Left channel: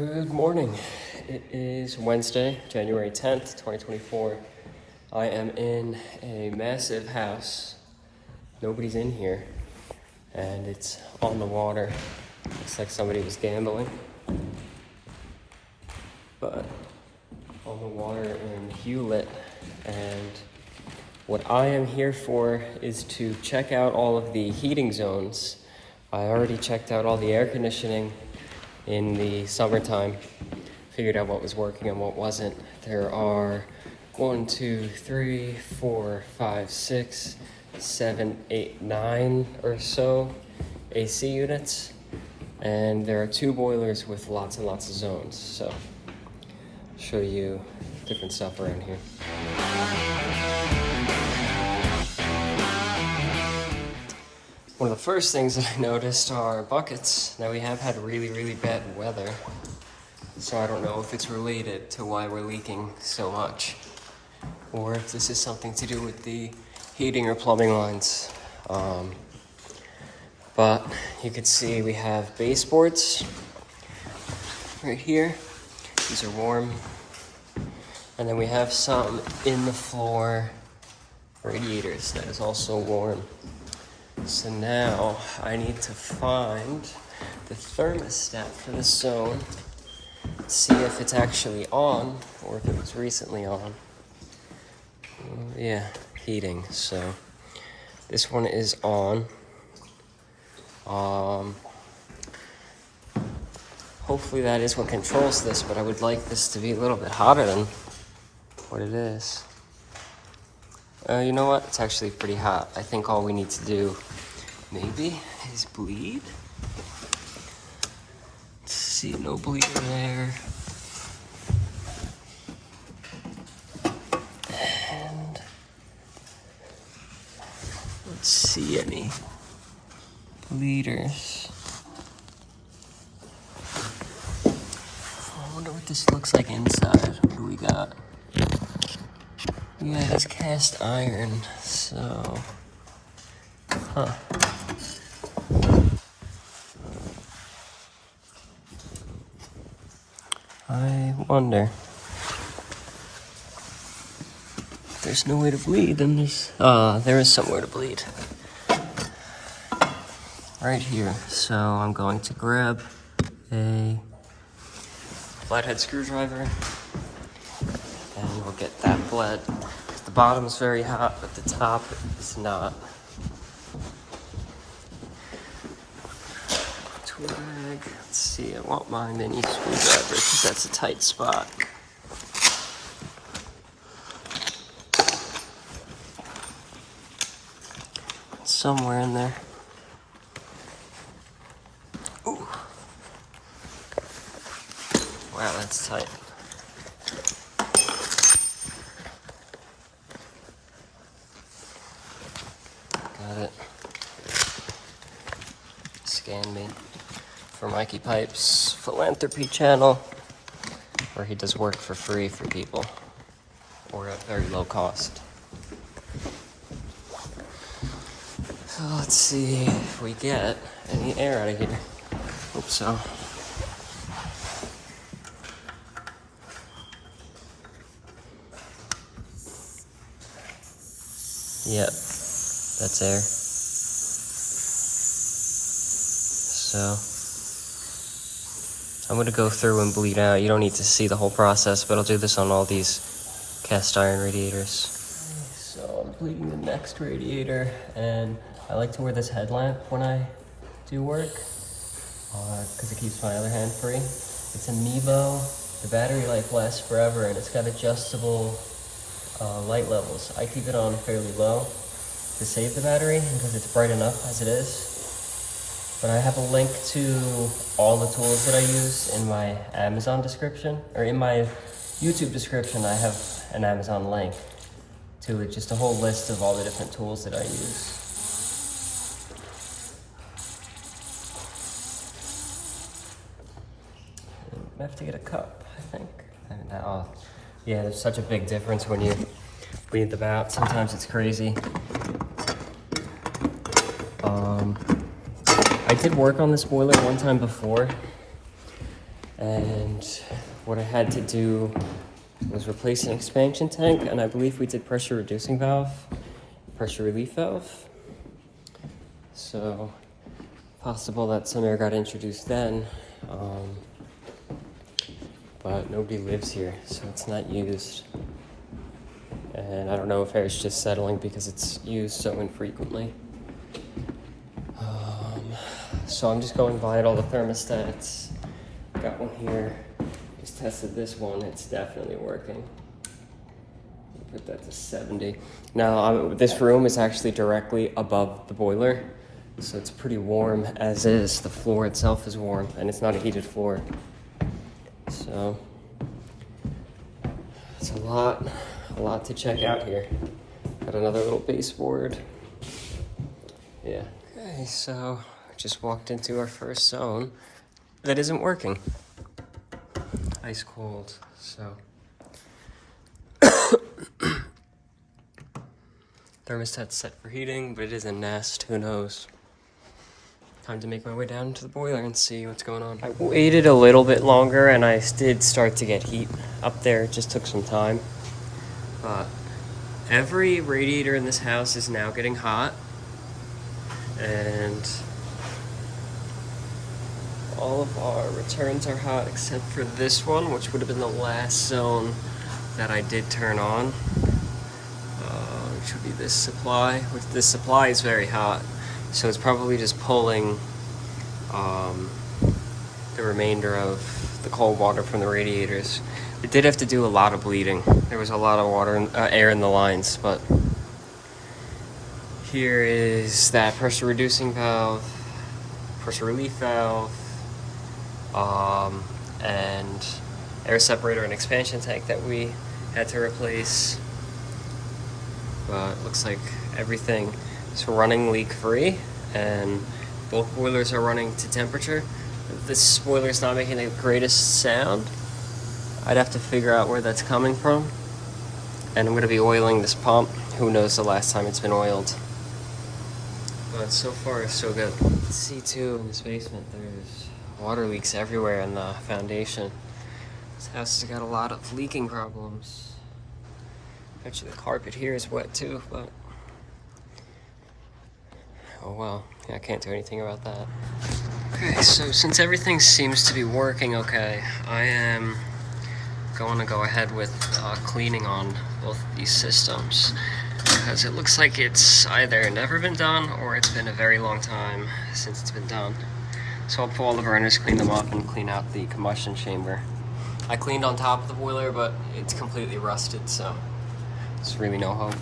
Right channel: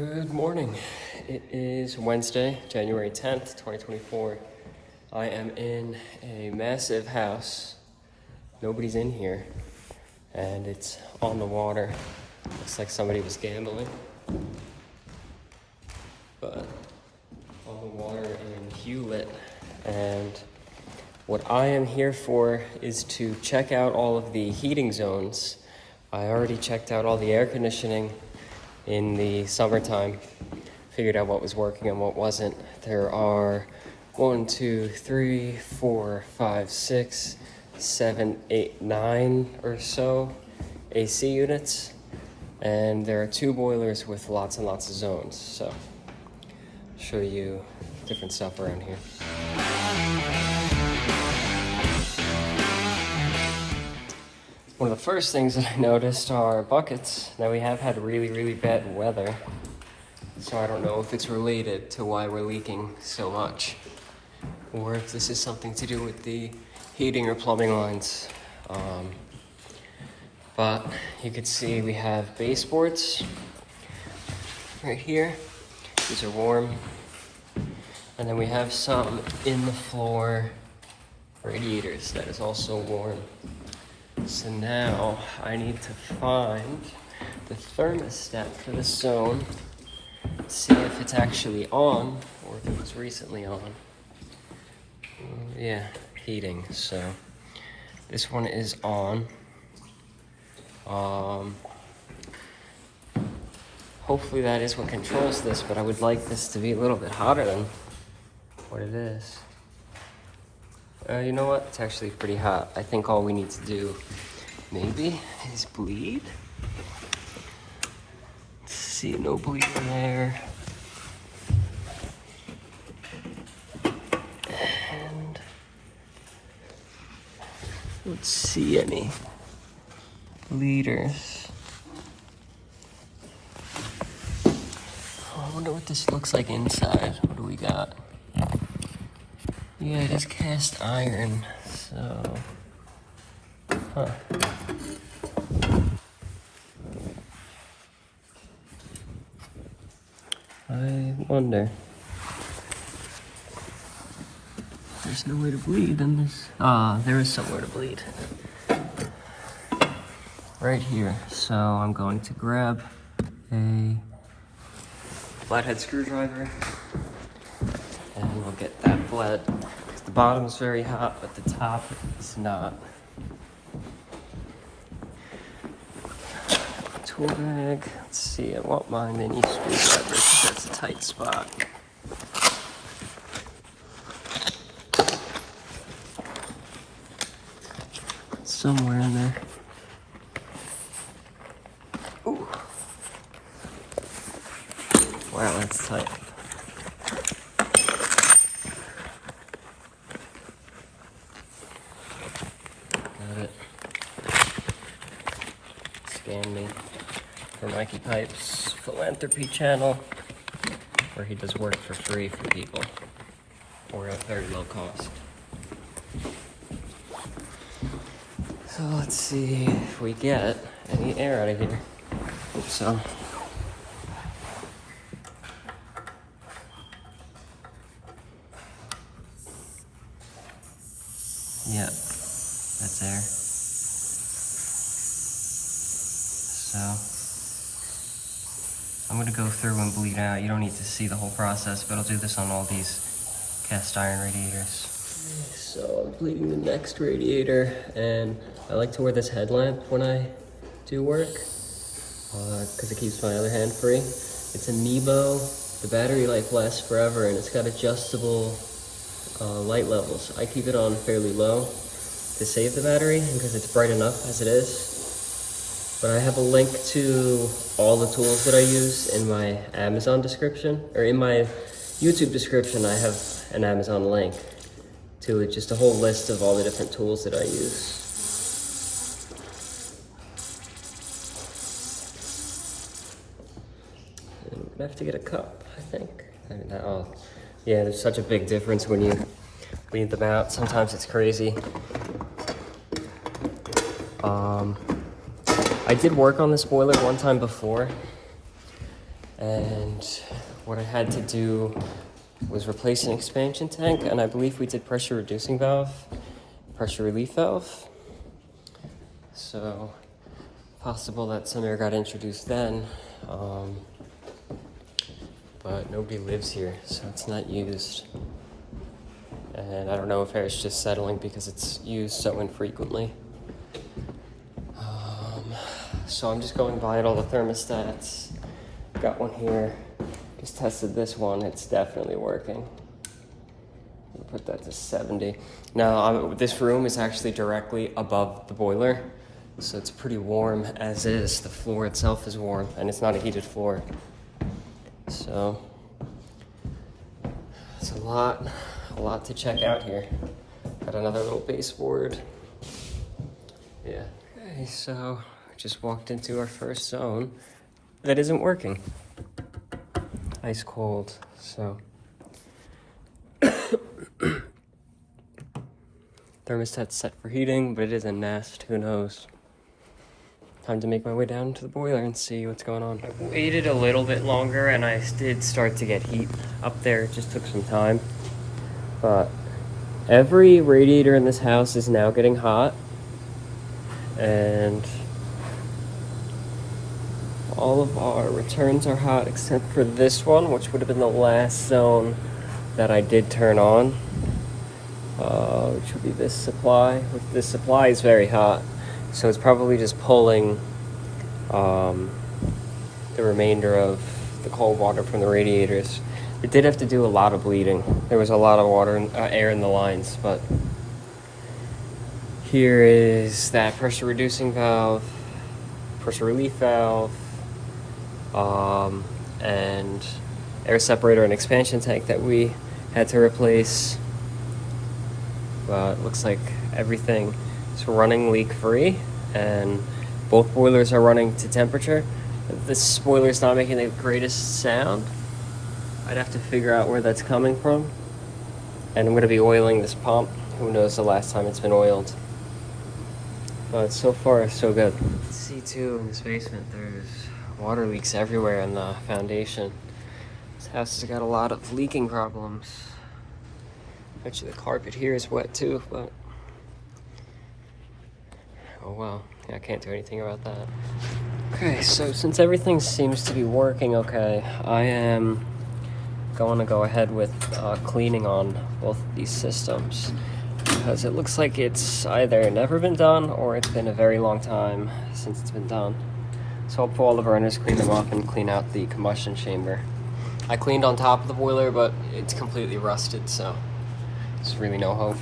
Good morning. It is Wednesday, January 10th, 2024. I am in a massive house. Nobody's in here, and it's on the water. Looks like somebody was gambling. But on the water in Hewlett, and what I am here for is to check out all of the heating zones. I already checked out all the air conditioning in the summertime, figured out what was working and what wasn't. There are 1, 2, 3, 4, 5, 6, 7, 8, 9 or so AC units, and there are 2 boilers with lots and lots of zones. So I'll show you different stuff around here. One of the first things that I noticed are buckets. Now we have had really bad weather, so I don't know if it's related to why we're leaking so much, or if this is something to do with the heating or plumbing lines. But you can see we have baseboards right here. These are warm. And then we have some in the floor radiators that is also warm. So now I need to find the thermostat for this zone, see if it's actually on or if it was recently on. Yeah, heating. So this one is on. Hopefully that is what controls this, but I would like this to be a little bit hotter than what it is. You know what? It's actually pretty hot. I think all we need to do maybe is bleed. Let's see, no bleeding there. And let's see any bleeders. I wonder what this looks like inside. What do we got? Yeah, it is cast iron, so, huh. I wonder. If there's no way to bleed, then there is somewhere to bleed. Right here. So I'm going to grab a flathead screwdriver, and we'll get that bled. The bottom is very hot, but the top is not. Tool bag. Let's see, I want my mini screwdriver because that's a tight spot. Somewhere in there. Ooh. Wow, that's tight. Got it. Scan me for Mikey Pipe's philanthropy channel, where he does work for free for people or at very low cost. So let's see if we get any air out of here. Hope so. Yep, that's air. So I'm gonna go through and bleed out. You don't need to see the whole process, but I'll do this on all these cast iron radiators. So I'm bleeding the next radiator, and I like to wear this headlamp when I do work, because it keeps my other hand free. It's a Nebo. The battery life lasts forever, and it's got adjustable light levels. I keep it on fairly low to save the battery because it's bright enough as it is. But I have a link to all the tools that I use in my Amazon description, or in my YouTube description. I have an Amazon link to it, just a whole list of all the different tools that I use. I have to get a cup, I think. Yeah, there's such a big difference when you bleed them out. Sometimes it's crazy. I did work on this boiler one time before, And what I had to do was replace an expansion tank, and I believe we did pressure reducing valve, pressure relief valve. So possible that some air got introduced then, but nobody lives here, so it's not used. And I don't know if air's just settling because it's used so infrequently. So I'm just going by at all the thermostats. Got one here. Just tested this one. It's definitely working. Put that to 70. Now, this room is actually directly above the boiler, so it's pretty warm as is. The floor itself is warm, and it's not a heated floor. So it's a lot to check out here. Got another little baseboard. Yeah. Okay, so just walked into our first zone that isn't working. Ice cold, so. Thermostat's set for heating, but it is a nest, who knows. Time to make my way down to the boiler and see what's going on. I waited a little bit longer and I did start to get heat up there. It just took some time. But every radiator in this house is now getting hot. And all of our returns are hot except for this one, which would have been the last zone that I did turn on. Which would be this supply, which this supply is very hot. So it's probably just pulling the remainder of the cold water from the radiators. It did have to do a lot of bleeding. There was a lot of water, air in the lines, but here is that pressure reducing valve, pressure relief valve, and air separator and expansion tank that we had to replace. But it looks like everything is running leak-free, and both boilers are running to temperature. This boiler is not making the greatest sound. I'd have to figure out where that's coming from. And I'm going to be oiling this pump. Who knows the last time it's been oiled. But so far, so good. See too, in this basement, there's water leaks everywhere in the foundation. This house has got a lot of leaking problems. Actually, the carpet here is wet too, but oh well. Yeah, I can't do anything about that. Okay, so since everything seems to be working okay, I am going to go ahead with cleaning on both of these systems, because it looks like it's either never been done or it's been a very long time since it's been done. So I'll pull all the burners, clean them up, and clean out the combustion chamber. I cleaned on top of the boiler, but it's completely rusted, so there's really no hope.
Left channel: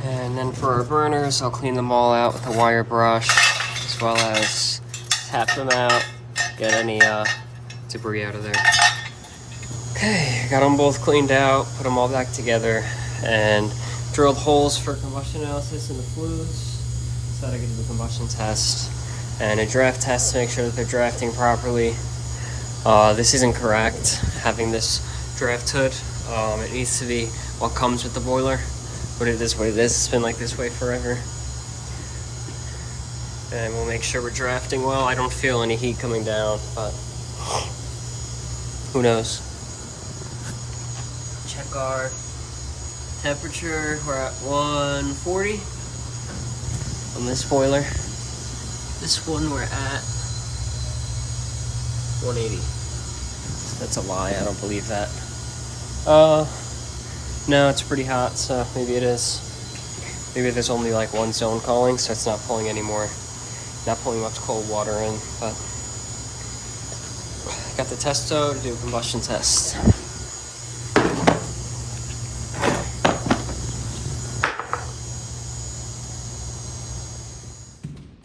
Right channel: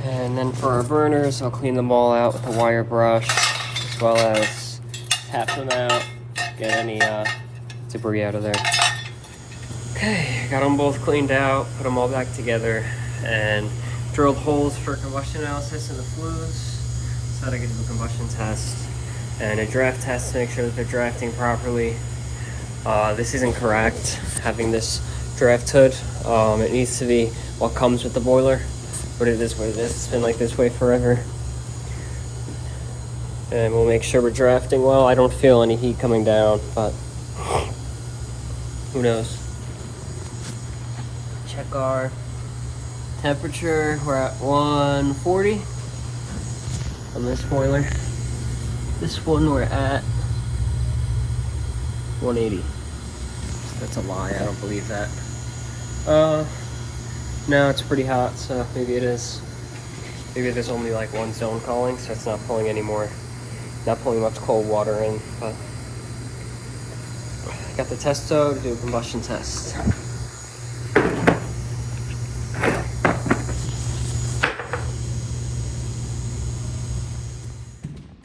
And then for our burners, I'll clean them all out with a wire brush, as well as tap them out, get any debris out of there. Okay, got them both cleaned out, put them all back together, and drilled holes for combustion analysis in the flues, so that I can do a combustion test and a draft test to make sure that they're drafting properly. This isn't correct, having this draft hood It needs to be what comes with the boiler, but it is what it is. It's been like this way forever. And we'll make sure we're drafting well. I don't feel any heat coming down, but who knows? Check our temperature. We're at 140 on this boiler. This one we're at 180. That's a lie, I don't believe that. No, it's pretty hot, so maybe it is. Maybe there's only like one zone calling, so it's not pulling anymore. Not pulling much cold water in, but got the testo to do a combustion test.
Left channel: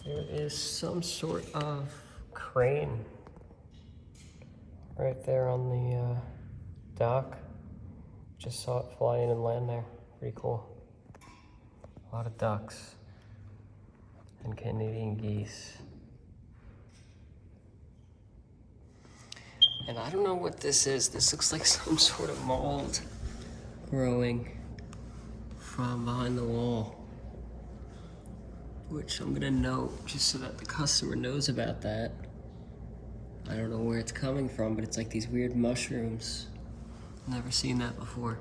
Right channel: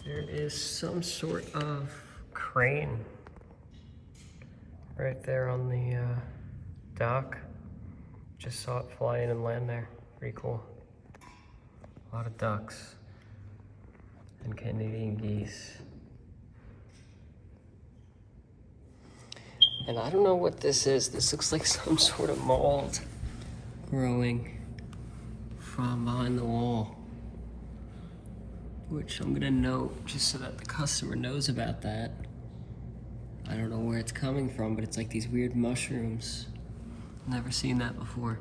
There is some sort of crane right there on the dock. Just saw it fly in and land there. Pretty cool. A lot of ducks and Canadian geese. And I don't know what this is. This looks like some sort of mold growing from behind the wall, which I'm gonna note just so that the customer knows about that. I don't know where it's coming from, but it's like these weird mushrooms. Never seen that before.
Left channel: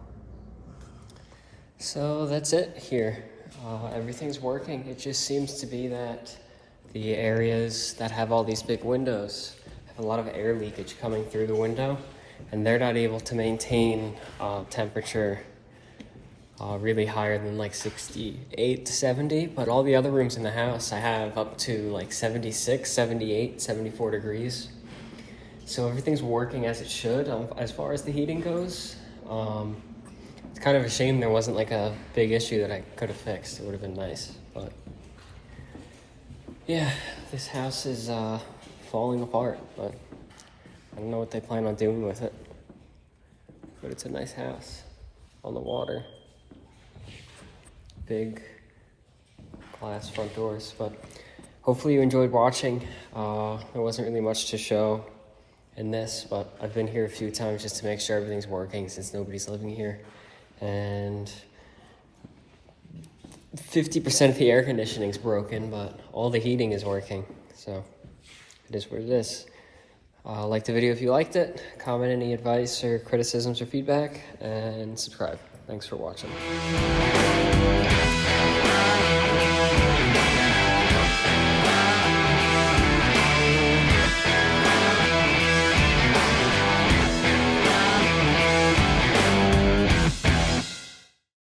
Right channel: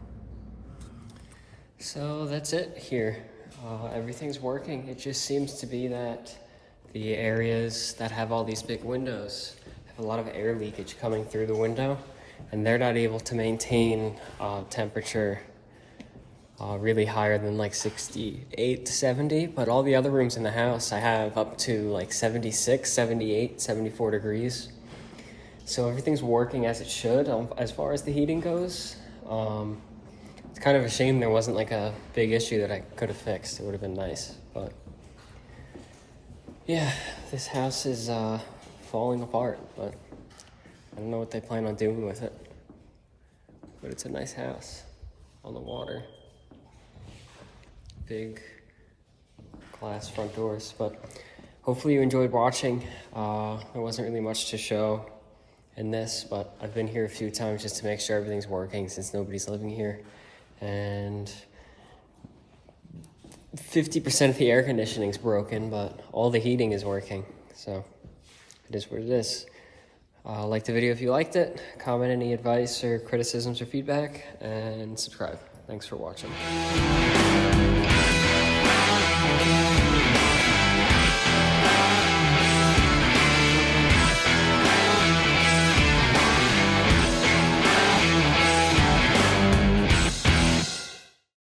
So that's it here. Everything's working. It just seems to be that the areas that have all these big windows have a lot of air leakage coming through the window, and they're not able to maintain temperature really higher than like 68 to 70, but all the other rooms in the house I have up to like 76, 78, 74 degrees. So everything's working as it should as far as the heating goes. It's kind of a shame there wasn't like a big issue that I could have fixed. It would have been nice, but yeah, this house is falling apart, but I don't know what they plan on doing with it. But it's a nice house on the water. Big glass front doors, but hopefully you enjoyed watching. There wasn't really much to show in this, but I've been here a few times just to make sure everything's working since nobody's living here. And 50% of the air conditioning's broken, but all the heating is working. So it is what it is. Like the video if you liked it, comment any advice or criticisms or feedback, and subscribe. Thanks for watching.